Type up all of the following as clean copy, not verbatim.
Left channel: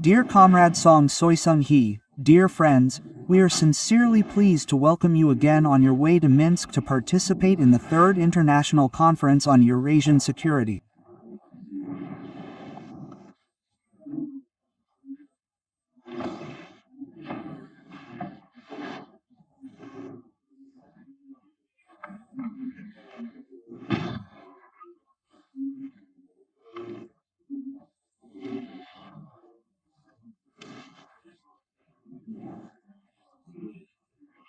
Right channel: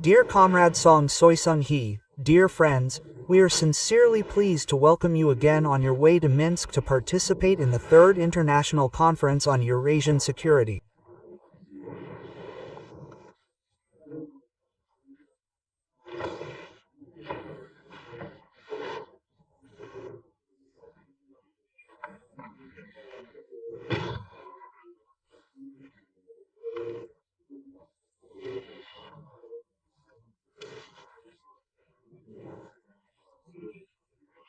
Dear Comrade Song Soi Sung Hee, dear friends, we are sincerely pleased to welcome you again on your way to Minsk to participate in the Third International Conference on Eurasian Security.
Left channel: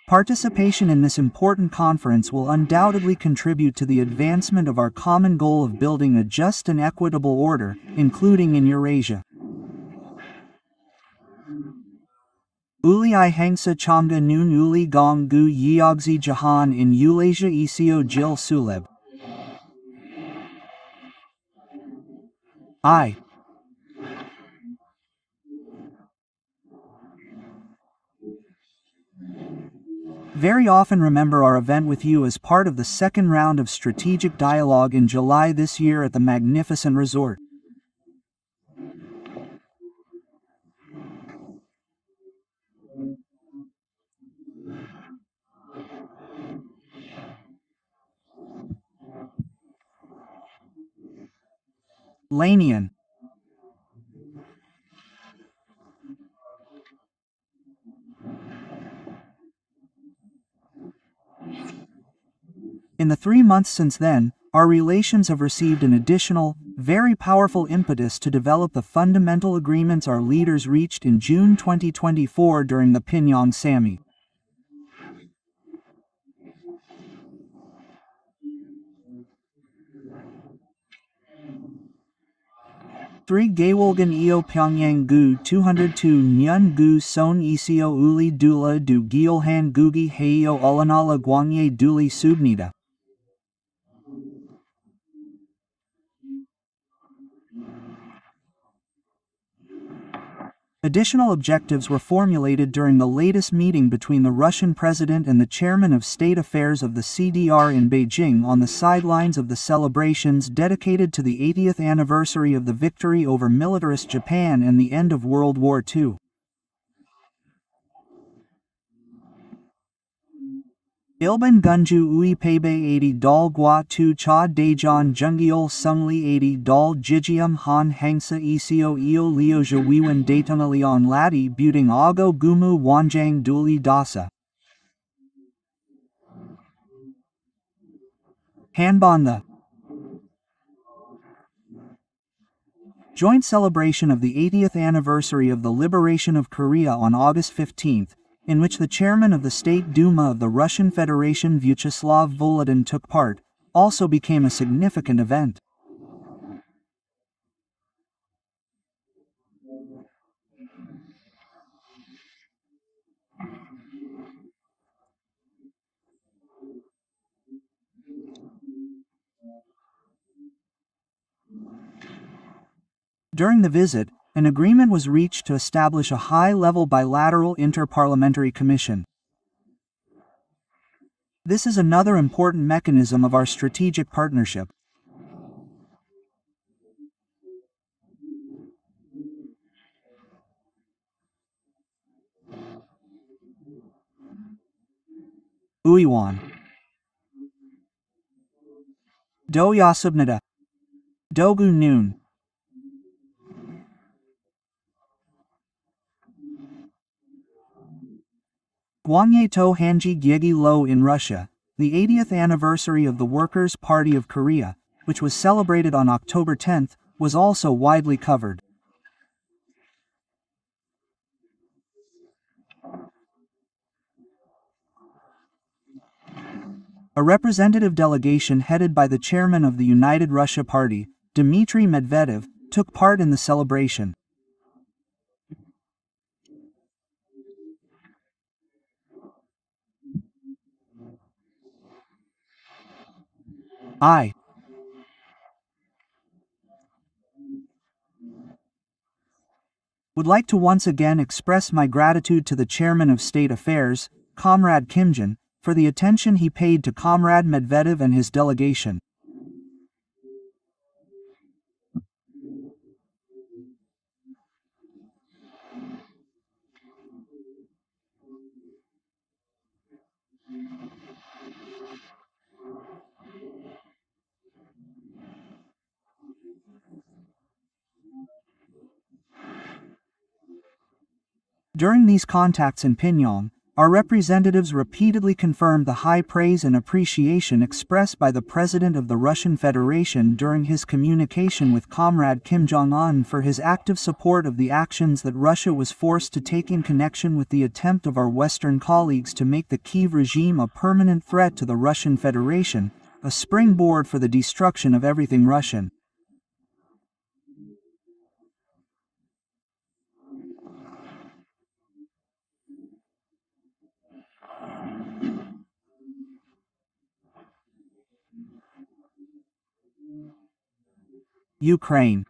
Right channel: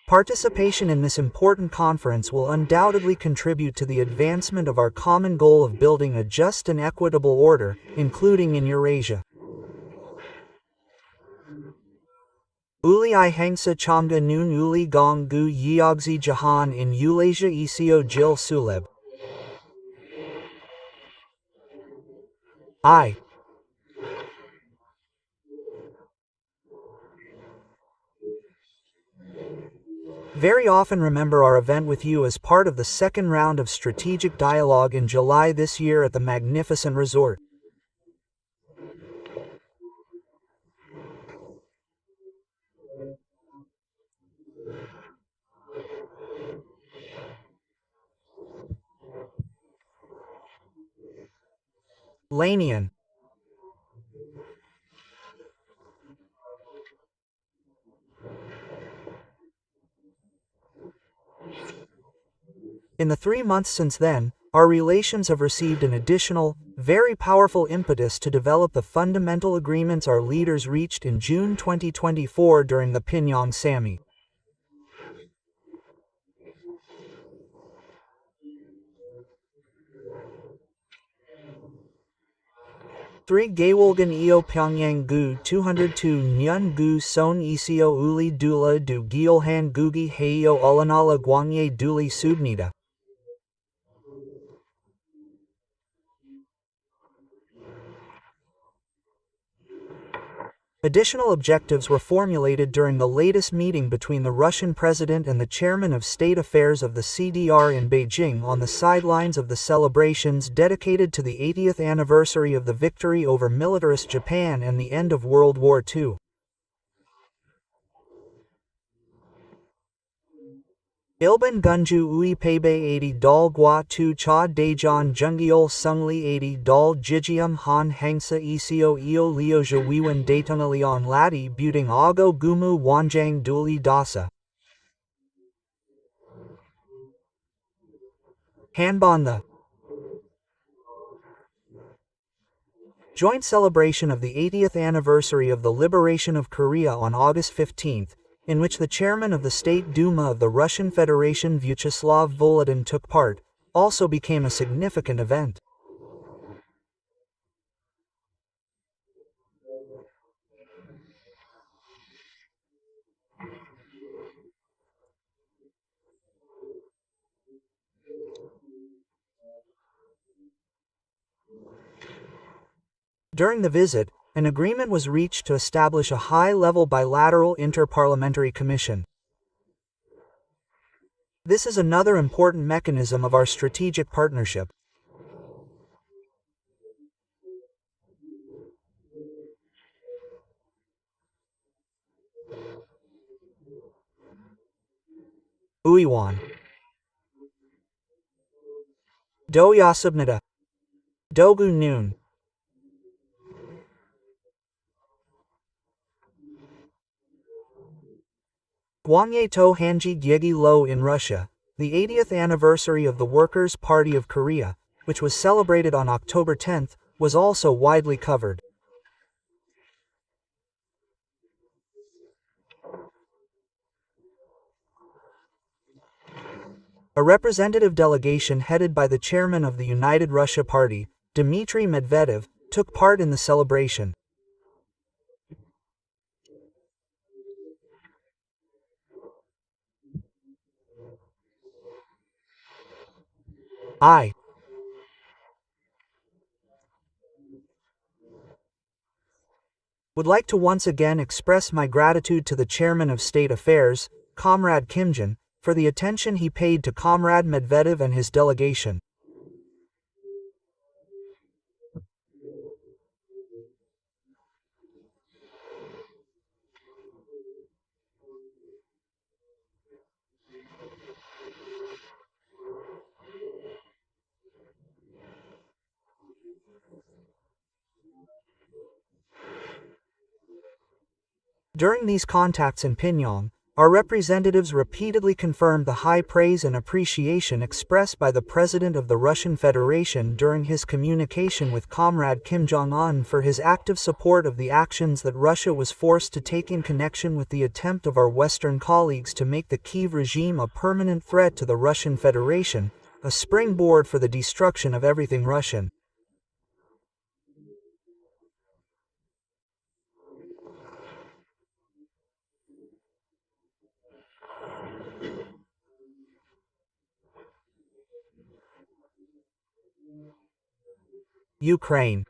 Participation in this important conference will undoubtedly contribute to the advancement of our common goal of building a just and equitable order, including in Eurasia. Uli I hangsa chamga noon uli gong gu yeogzi jahan in Eulasia Isio Jil Suleb. I very often remember our event with you as part of the second round of strategic dialogue in July this year at the magnificent resort. Lanian. In the 3 months since then, our relations have received an additional, very powerful impetus to develop the fundamental agreements our leaders reached in June 2024 during the Pyongyang Summit. Three Gawolgan Eo Pyongyang Gu 202 Nyun Gu Son Isio Uli Dula Du Gyeolhan Gugi Heio Ulanala Gwangye Duli Subnida. Additional objectives were formulated during the latest meeting between the Russian president and the chairman of State Affairs of the CDR in Beijing on the sidelines of the celebrations dedicated to the 80th anniversary of the victory over militarist Japan and the end of World War II. Ilban Gunju Ui Pebe 80 Dal Gua Tu Cha Dejan Jungiol Sungli 80 Dal Jijium Han Hangsa Isio Eo Leoja Wiwan Datonalion Lati Buting Ago Gumu Wanjang Duli Dasa. Hanbon the joint celebration of the 80th anniversary of the liberation of Korea on August 15, in which the chairman of the State Duma of the Russian Federation Vyacheslav Volodin took part, also became a significant event. During the visit, an agreement was reached to establish a high-level bilateral inter-parliamentary commission. This is another important mechanism of our strategic partnership. Uiwan. Do Yasubnada. Dogu Noon. Gwangye To Hanji Gyegi Lo in Russia, the 80th anniversary of the Workers' Party of Korea, which was celebrated on October 10, was also widely covered. A representative delegation headed by the chairman of the United Russia Party, Dmitry Medvedev, took part in the celebration. I would like to once again express my gratitude to the Chairman of State Affairs, Comrade Kimjin, for the attention he paid to Comrade Medvedev and his delegation. During these contacts in Pyongyang, our representatives repeatedly confirmed the high praise and appreciation expressed by the President of the Russian Federation during his communication with Comrade Kim Jong-un for his active support of the actions that Russia was forced to take in connection with the attempt of our Western colleagues to make the Kyiv regime a permanent threat to the Russian Federation, a springboard for the destruction of everything Russian. Ukraine.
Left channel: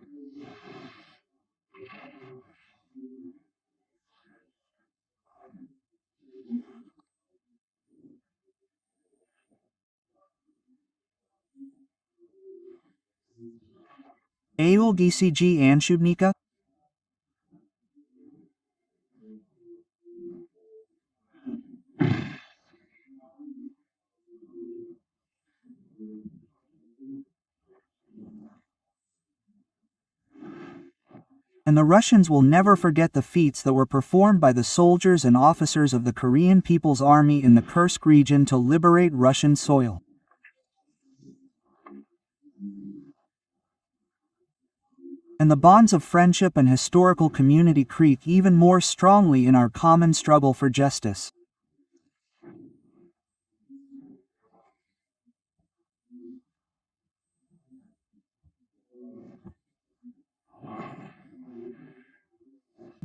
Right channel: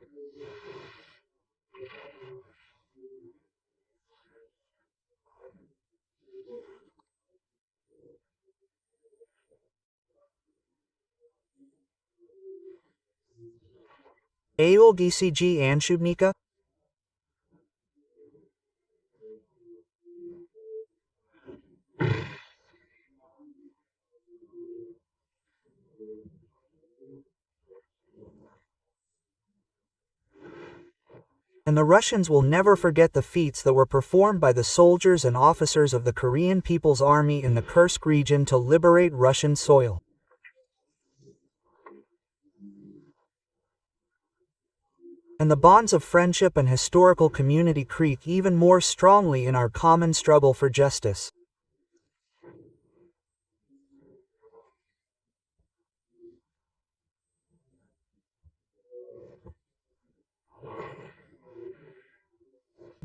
Aul GCG Anshubnika? And the Russians will never forget the feats that were performed by the soldiers and officers of the Korean People's Army in the Kursk region to liberate Russian soil. And the bonds of friendship and historical community creak even more strongly in our common struggle for justice.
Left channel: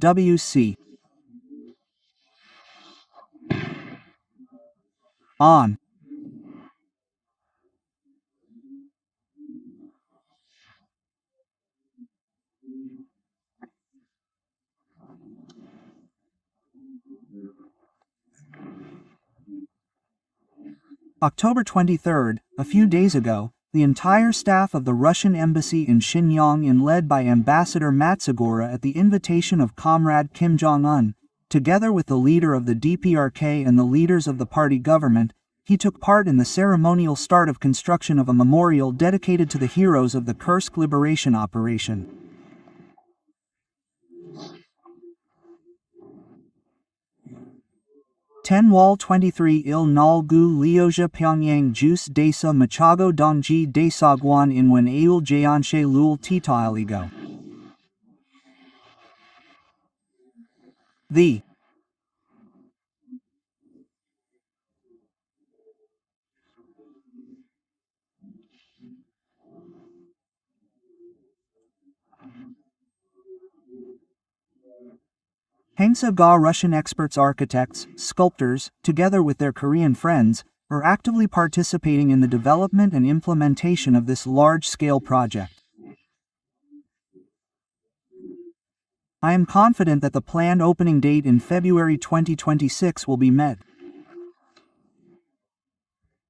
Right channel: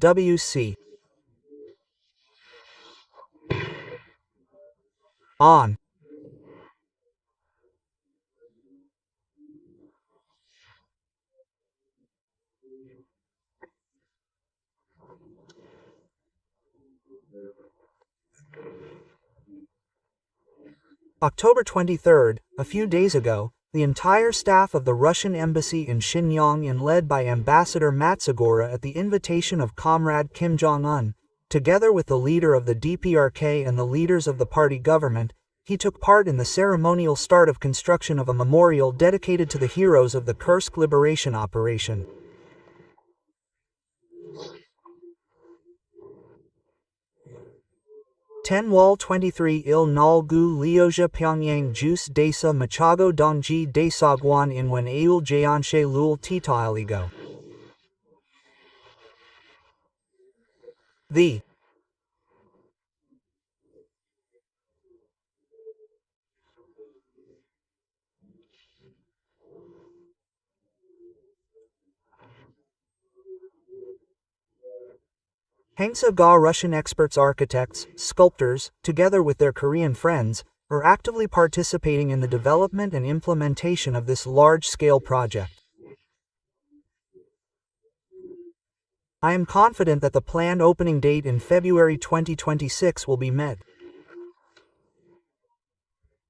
WC. On. October 23, a few days ago, the entire staff of the Russian embassy in Xinjiang, led by Ambassador Matsugora at the invitation of Comrade Kim Jong-un, together with the leader of the DPRK and the leaders of the party government, he took part in the ceremonial start of construction of a memorial dedicated to the heroes of the Kursk liberation operation. Tenwal 23 Il Nalgu Liozha Pyongyang Juice Desa Machago Dongji Desagwan Inwen Aul Jayanshe Lul Titailigo. The Hangsa Ga Russian experts, architects, sculptors, together with their Korean friends, are actively participating in the development and implementation of this large-scale project. I am confident that the planned opening date in February 2026 will be met.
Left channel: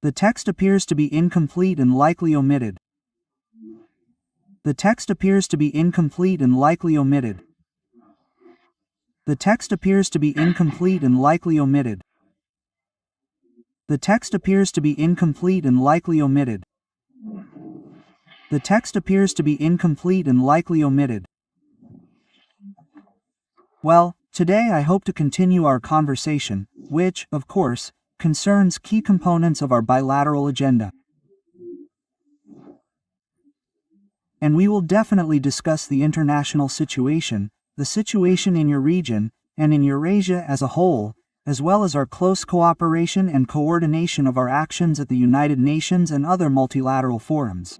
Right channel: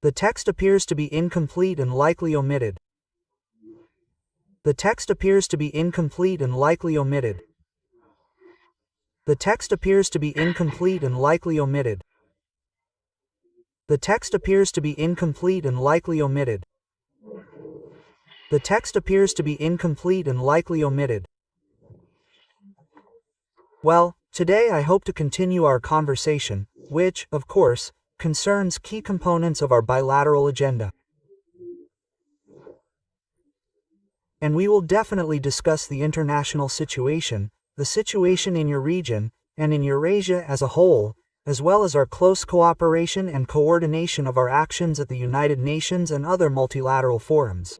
The text appears to be incomplete and likely omitted. The text appears to be incomplete and likely omitted. The text appears to be incomplete and likely omitted. The text appears to be incomplete and likely omitted. The text appears to be incomplete and likely omitted. Well, today I hope to continue our conversation, which, of course, concerns key components of our bilateral agenda. And we will definitely discuss the international situation, the situation in your region, and in Eurasia as a whole, as well as our close cooperation and coordination of our actions at the United Nations and other multilateral forums.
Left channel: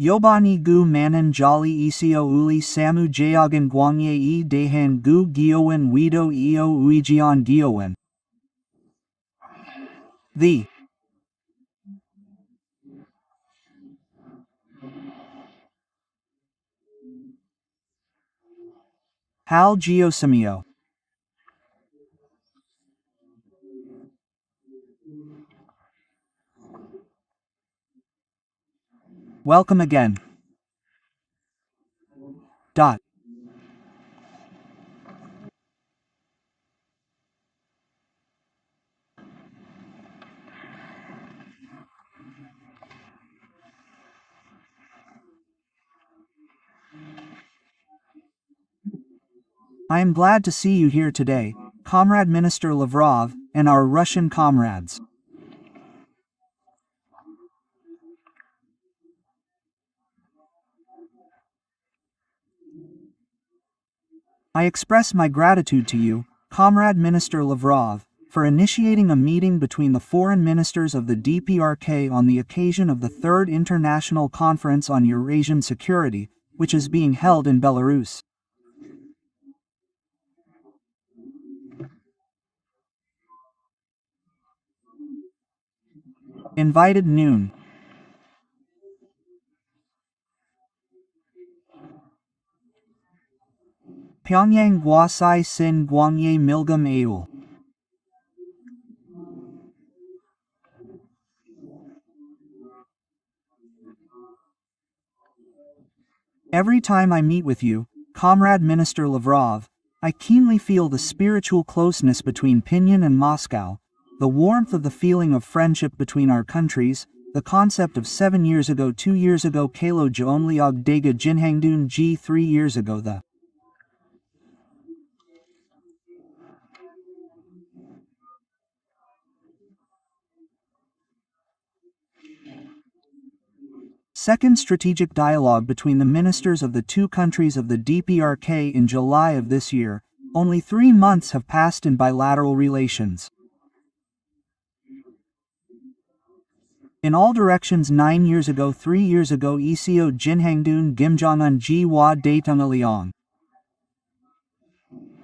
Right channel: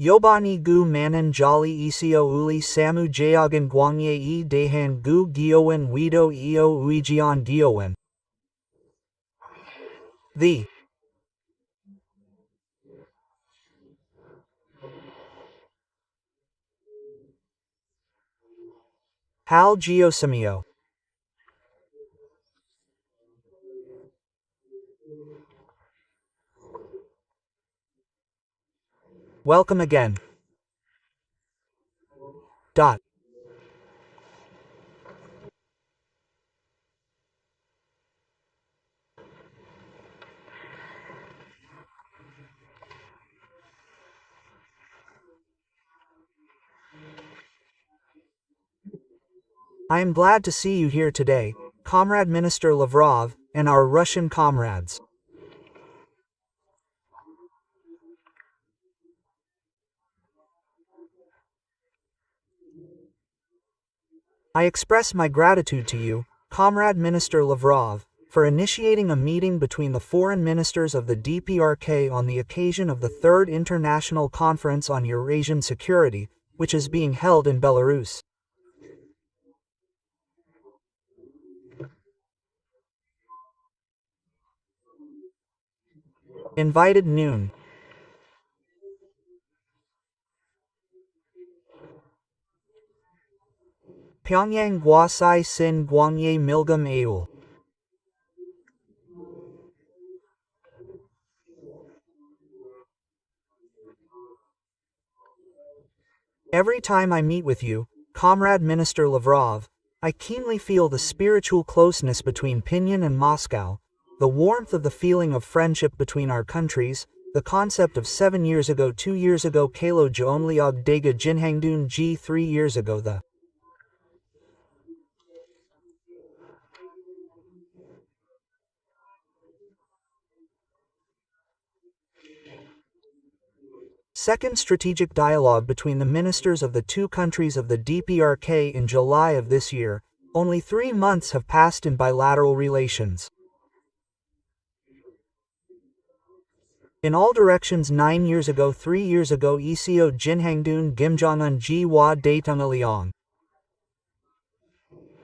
Yobani gu manan jolly isio uli samu jayagan guangye e dehan gu giowen wido eo uijian diowen. The Hal Geosimio. Welcome again. Dot. I am glad to see you here today, Comrade Minister Lavrov, and our Russian comrades. I express my gratitude to you, Comrade Minister Lavrov, for initiating a meeting between the foreign ministers of the DPRK on the occasion of the Third International Conference on Eurasian Security, which is being held in Belarus. Invited noon. Pyongyang Guasai Sin Guangye Milgam Aul. Every time I meet with you, Comrade Minister Lavrov, I keenly feel the spiritual closeness between Pinyin and Moscow, the warmth of the feeling of friendship between our countries, the concept of 7 years ago 2 years ago Kalo Joonliog Daga Jinhangdun G 3 years ago the second strategic dialogue between the ministers of the two countries of the DPRK in July of this year. Only 3 months have passed in bilateral relations. In all directions 9 years ago 3 years ago ECO Jinhangdun Gimjongun Ji Wa Daetung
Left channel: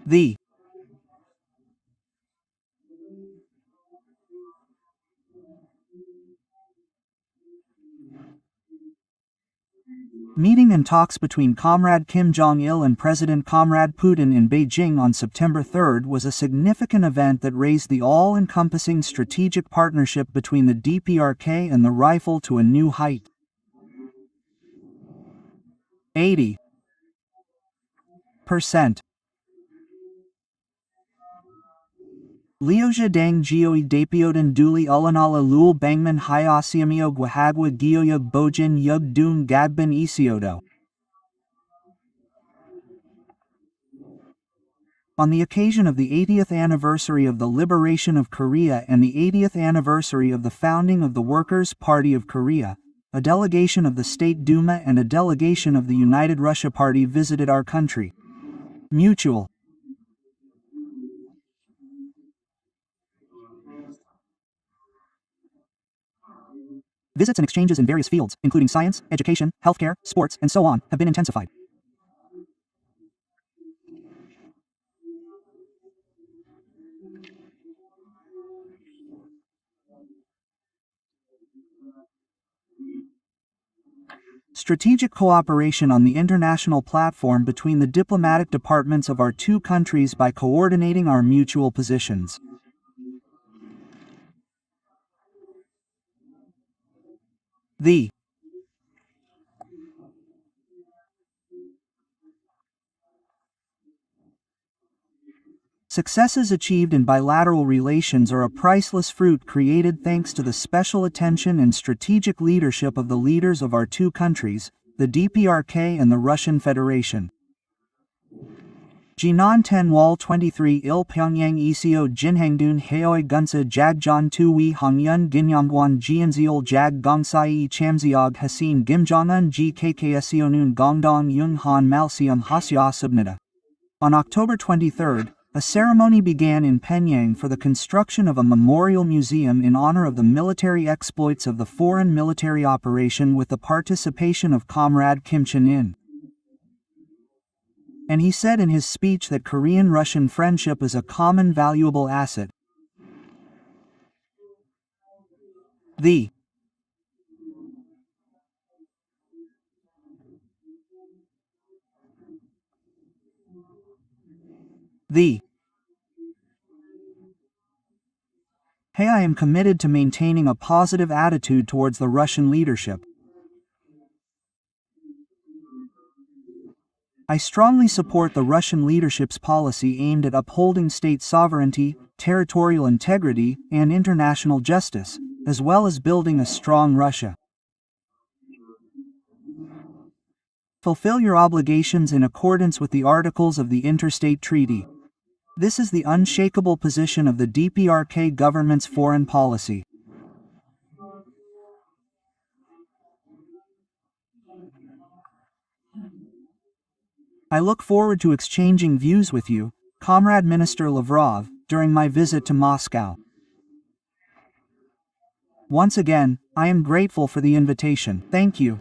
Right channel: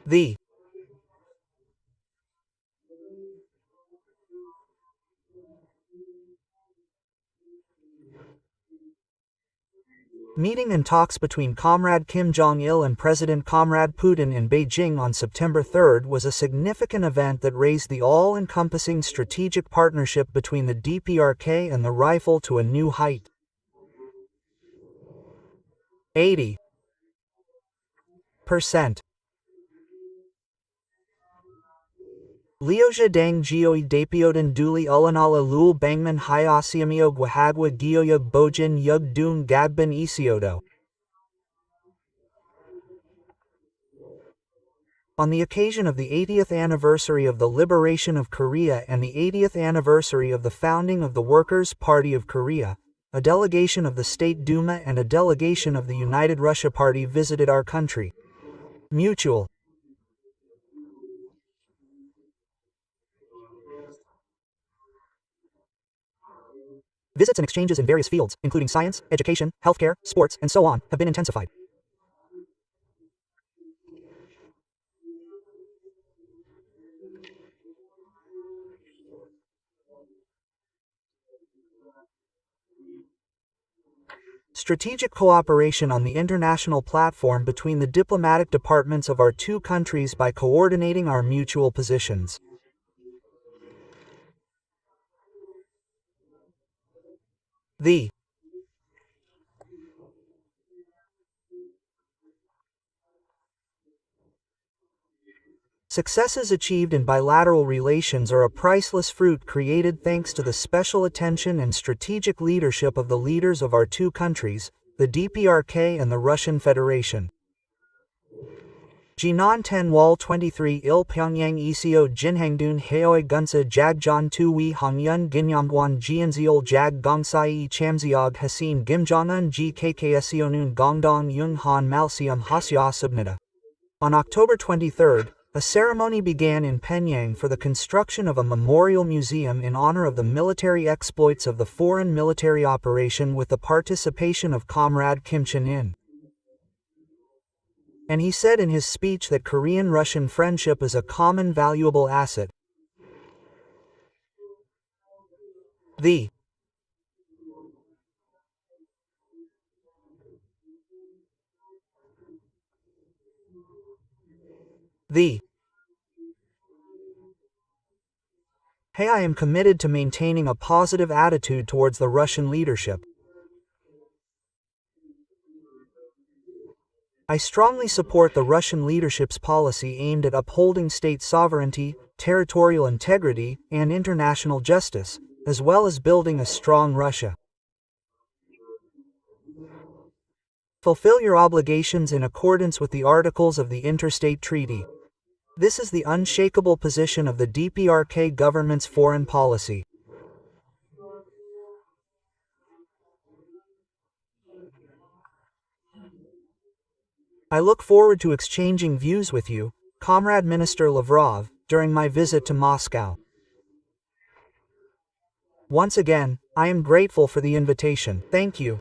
The meeting and talks between Comrade Kim Jong-il and President Comrade Putin in Beijing on September 3 was a significant event that raised the all-encompassing strategic partnership between the DPRK and the rifle to a new height. 80% Liozha Dang Geoi Dapiodan Duli Ulanala Lul Bangman Hyasiamio Gwahagwa Gioyug Bojin Yug Dun Gagban Isiodo. On the occasion of the 80th anniversary of the liberation of Korea and the 80th anniversary of the founding of the Workers' Party of Korea, a delegation of the State Duma and a delegation of the United Russia Party visited our country. Mutual visits and exchanges in various fields, including science, education, healthcare, sports, and so on, have been intensified. Strategic cooperation on the international platform between the diplomatic departments of our two countries by coordinating our mutual positions. The successes achieved in bilateral relations are a priceless fruit created thanks to the special attention and strategic leadership of the leaders of our two countries, the DPRK and the Russian Federation. Jinan Ten Wall 23 Il Pyongyang Isio Jinhangdun Heoi Gunsa Jagjon Tui Hongyun Ginyamguan Jianziol Jag Gongsai Chamziog Hasin Gimjongun Ji Kksionun Gongdong Yung Han Malsium Hasya Subnida. On October 23, a ceremony began in Pyongyang for the construction of a memorial museum in honor of the military exploits of the foreign military operation with the participation of Comrade Kim Chen-in. And he said in his speech that Korean-Russian friendship is a common valuable asset. The Hey, I am committed to maintaining a positive attitude towards the Russian leadership. I strongly support the Russian leadership's policy aimed at upholding state sovereignty, territorial integrity, and international justice, as well as building a strong Russia. Fulfill your obligations in accordance with the articles of the Interstate Treaty. This is the unshakable position of the DPRK government's foreign policy. I look forward to exchanging views with you, Comrade Minister Lavrov, during my visit to Moscow. Once again, I am grateful for the invitation. Thank you.